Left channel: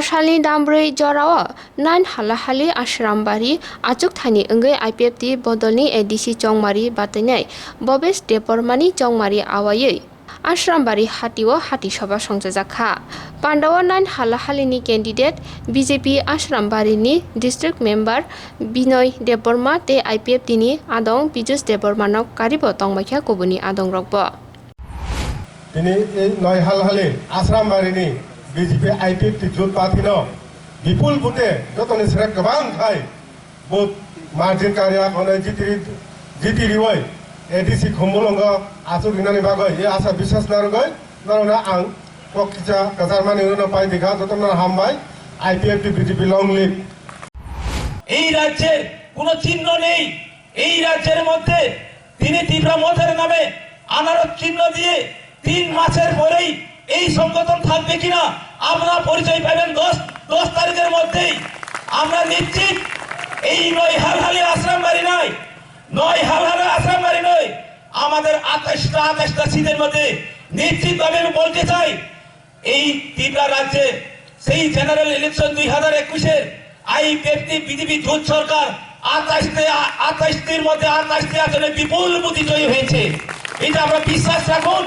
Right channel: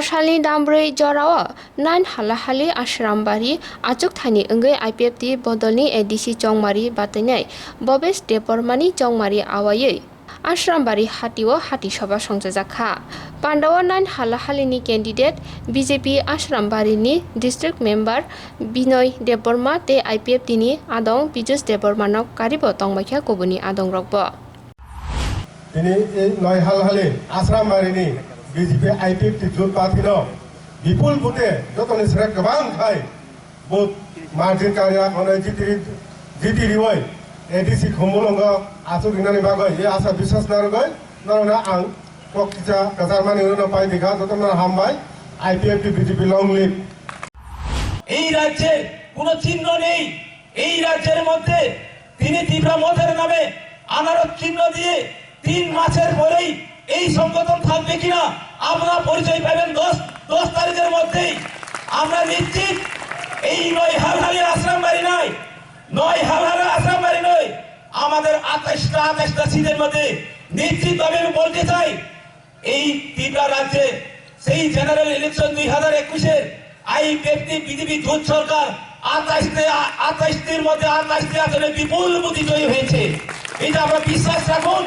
Marshali Dambre Jorawa, 9 Halahali Asharambari, Achuk Thani Ungai Ipft Bodolni ADC Chongmari Batanai, Bobes Depormani Chongmari Awai. Asharambari Hati Hati Sova Khulaijakha. Pandawa 9 Halahalini candidate BJP Asharambari ni district member Binoy Deporma te Ipft ni Adong Bijus Depormanok Karibo Tongmakha Kobuni Adong Rokbo. Ini Noy Halhali Asharambari ni BJP Ipft Jut Patino Bipul Bute Jotoni Srek Gabang Khai Bot Margin Karya Kone Jiti Riwai ADC Khumulonga Asuk Inani Bagoi Ye Asa Biswas Narogoi Narona Ang Pokcha Kasarmani Uno Pai Dikha Jotona Hambai Ipft BJP Long Live এই রাজ্যে কোনো চিহ্ন নেই এই রাজ্যের মধ্যে তিনি তীব্র মতের নামে আনারত চিহ্ন দিয়ে 3 মাসের পরেই এই সংগঠন থাকবে কিনা আমরা পরিচয় পাবেন 10 তারিখের মধ্যেই আমরা নিশ্চিত এই নয় হালহালি আশ্রমবাড়ি নয় নয় হালহালি আশ্রমবাড়ি নয় আমাদের 28টা সিটের মধ্যে নিশ্চিতভাবে আমি বলতে চাই এই ত্রিপুরা রাজ্যে সেই জেনারেল ইলেকশন 2021 এর আইপিএফটি বিজেপি জোট সরকার 28টির মধ্যে 28টি আসনে বিপুল প্রতিজয়ী হয়েছে এটা আমরা বিশ্বাস রাখুন